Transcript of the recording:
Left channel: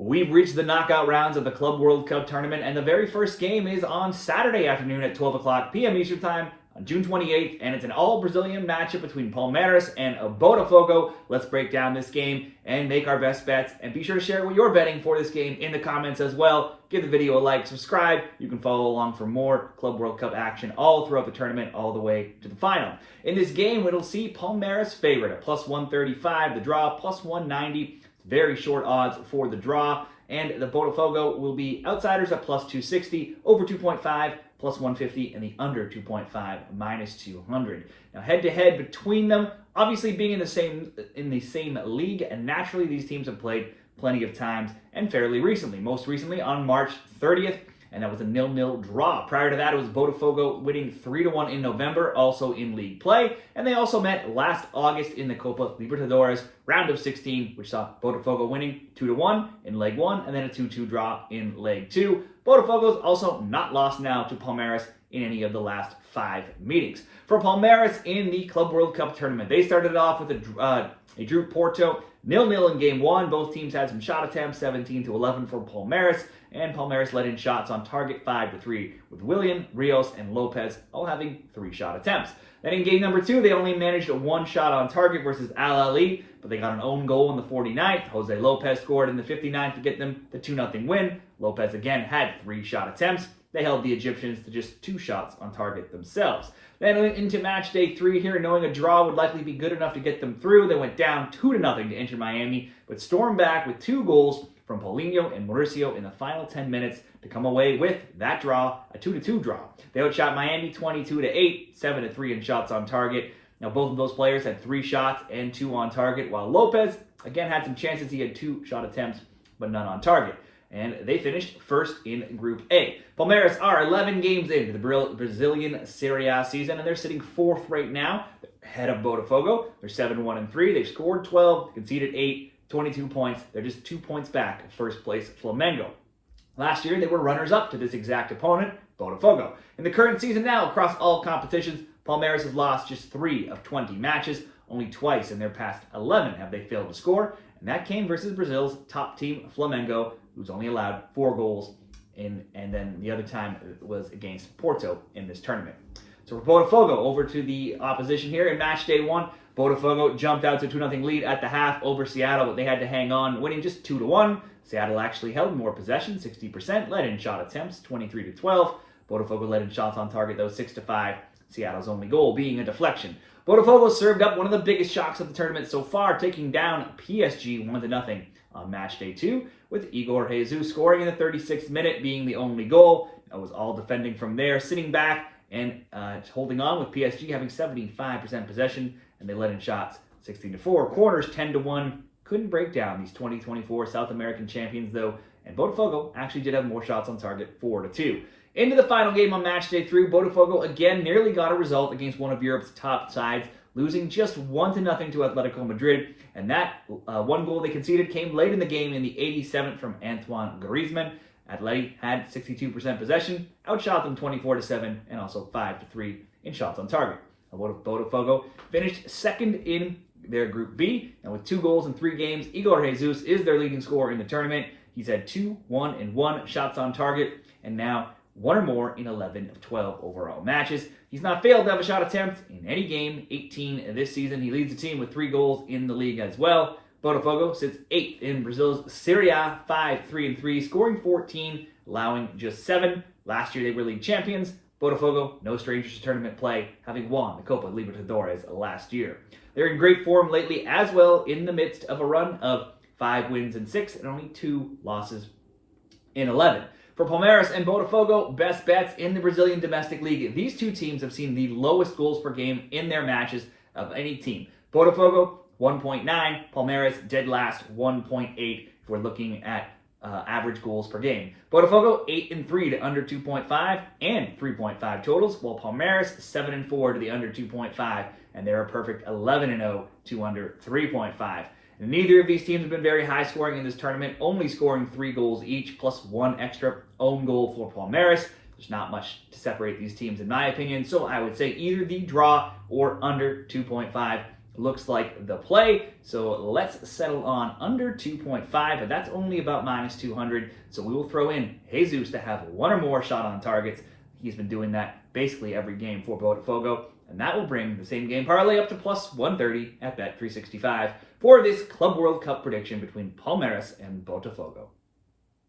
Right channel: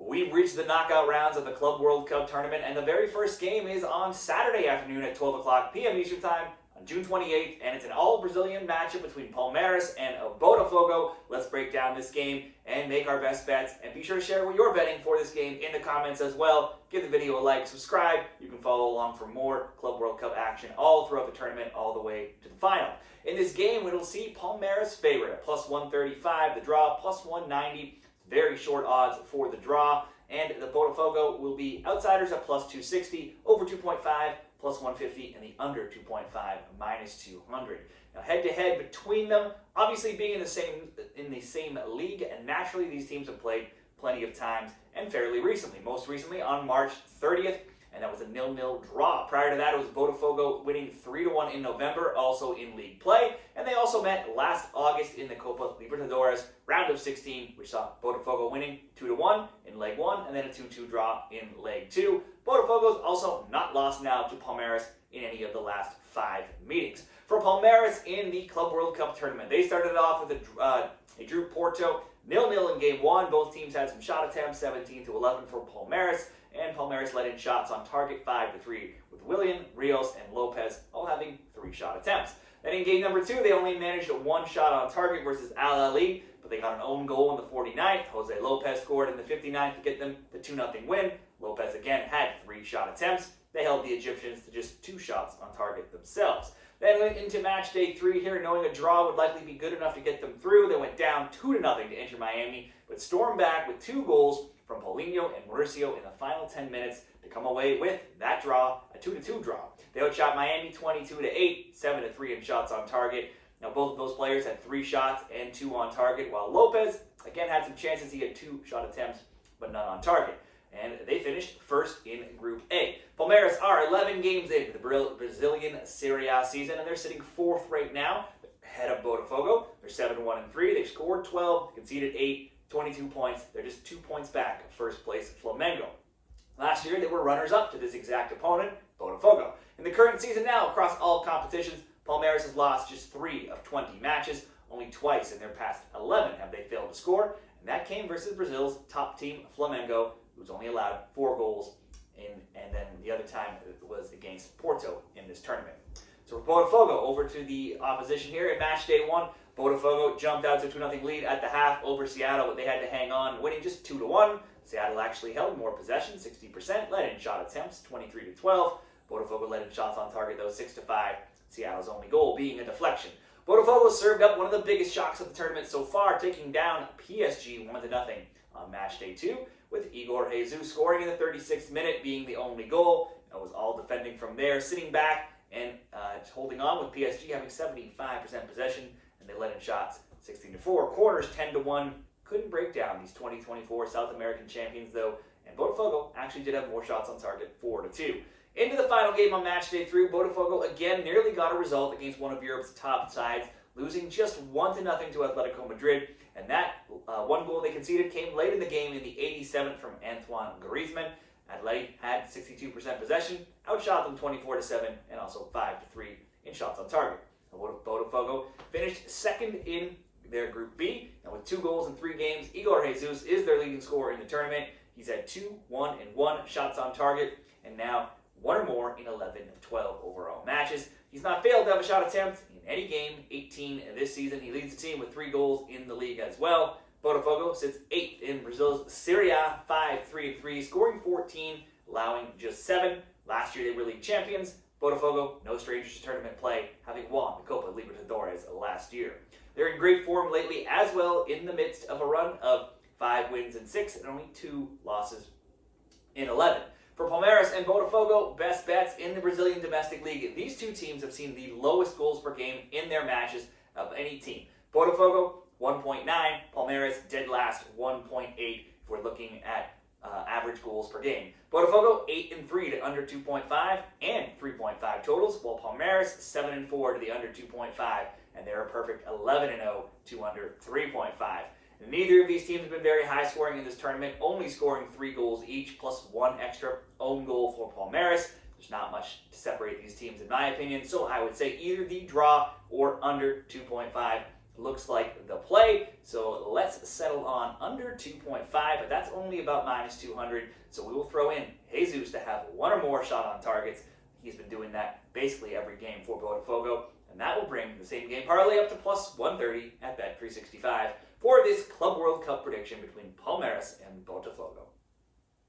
We've reached the knockout rounds of the Club World Cup tournament, and the very first game is on Saturday afternoon at 12 o'clock p.m. Eastern Time on June 28th, and it's an all-Brazilian matchup between Palmeiras and Botafogo. Let's break down this game and make our best bets, and be sure to share what you're betting for this game in the comments as well. Give the video a like, subscribe. You can follow along for more Club World Cup action all throughout the tournament, all the way to the final. In this game, it'll see Palmeiras favorite at plus 135, the draw plus 190. Very short odds for the draw, and the Botafogo will be outsiders at plus 260, over 2.5, plus 150, and the under 2.5, minus 200. Now, head-to-head between them, obviously being in the same league, and naturally these teams have played plenty of times and fairly recently. Most recently on March 30th, and that was a 0-0 draw. Prior to that, it was Botafogo winning 3-1 in November, also in league play. And they also met last August in the Copa Libertadores round of 16, which saw Botafogo winning 2-1 in leg 1, and then a 2-2 draw in leg 2. Botafogo's also not lost now to Palmeiras in any of the last 5 meetings. For Palmeiras in the Club World Cup tournament, they started off with a drew Porto 0-0 in game 1. Both teams had some shot attempts, 17-11 for Palmeiras, and Palmeiras let in shots on target 5-3, with Willian, Rios, and Lopez all having 3 shot attempts. Then in game number 2, they only managed 1 shot on target versus Al Ali, but they got an own goal in the 49th. Jose Lopez scored in the 59th to get them the 2-0 win. Lopez again had 3 shot attempts. They held the Egyptians to just 2 shots on target themselves. Then into match day 3 here, knowing a draw would likely be good enough to get them through, they went down 2-0 to Inter Miami, but stormed back with 2 goals from Paulinho and Mauricio in the final 10 minutes to come away with that draw, a 2-2 draw. They outshot Miami 22-8, 7-3 in shots on target. Now, both of those players had 3 shots and 2 on target, while Lopez, again, had some chances. He had 2 shot attempts, but none on target. And they finished first in Group A. Palmeiras are 11 games into the Brazilian Serie A season, and they're sitting 4th right now, ahead of Botafogo. They're 7-1-3. They've scored 12, conceded 8, 22 points. They're just 2 points back of first place Flamengo. Last year, they were runners-up to this exact opponent, Botafogo. In the current season now, across all competitions, Palmeiras has lost just 3 of 20 matches. Only twice in their past 11 have they failed to score, and that came versus Brazil's top team, Flamengo, who's only allowed 4 goals, and then the other time was against Porto in this tournament. So for Botafogo, over to the opposition here. In match day 1, Botafogo jumped out to 2-0 lead at the half over Seattle, but they had to hang on, winning just 2-1. Seattle actually held more possession, 60%, led in shot attempts, 23-12. Botafogo led in shots on target, though, 6-5. Seattle's only goal being a deflection. Botafogo served up one of the biggest shocks of the tournament so far, taking down PSG 1-0 on match day 2, with Igor Jesus scoring in the 36th minute, being the only goal. It was all defending from there, sitting back and holding on, with PSG having 75% possession, and they led in shots 16-4. Corners 10-1. Couldn't break down these 2024 South American champions, though, and Botafogo actually did have more shots on target, 4-2. Into the final game on match day 3, Botafogo again nearly got a result against one of Europe's top sides, losing just 1-0 to Atletico Madrid, and that 1 goal they conceded came late in the game in the 87th from Antoine Griezmann. Atleti had 62% possession, outshot them 24-7, and also 5-3 in shots on target. Botafogo finished 2nd in their Group B, and with 2 goals in 3 games, Igor Jesus is their leading scorer in the tournament. He's had 2, 1, and 1 shots on target, and now 1 or more in 11 of 12 overall matches. He's not failed to have a shot attempt in any game, 18 this season. He leads the team with 3 goals in the league as well. Botafogo sits 8th in Brazil's Serie A, 5-3-3, scoring 14, allowing just 7. Last year they were league champions. Botafogo, no strangers to tournament play, having won the Copa Libertadores last year. They're in great form lately as well, in the midst of a run of 5 wins in 6 and only 2 losses in 11. For Palmeiras and Botafogo, best bets in the Brazilian domestic league. These 2 teams have seen the lowest goals per game in their matches of any team. Botafogo, 1.9. Palmeiras, dead last, 1.8, if we're looking at average goals per game. Botafogo, 8-3 to under 2.5 and 3.5 totals, while Palmeiras, 7-4 to the under 2.5, and they're a perfect 11-0 to under 3.5. Neither of these teams have been very high scoring in this tournament, only scoring 3 goals each, plus 1 extra own goal for Palmeiras. There's not much to separate these teams in my opinion, so I would say either the draw or under 2.5 looks like the play. So let's settle on under 2.5, but that's only about minus 200. So we will throw in Jesus to have one or more shot on targets. He's been doing that basically every game for Botafogo, and that will bring the same game parlay up to plus 130 at Bet365 for this Club World Cup prediction between Palmeiras and Botafogo.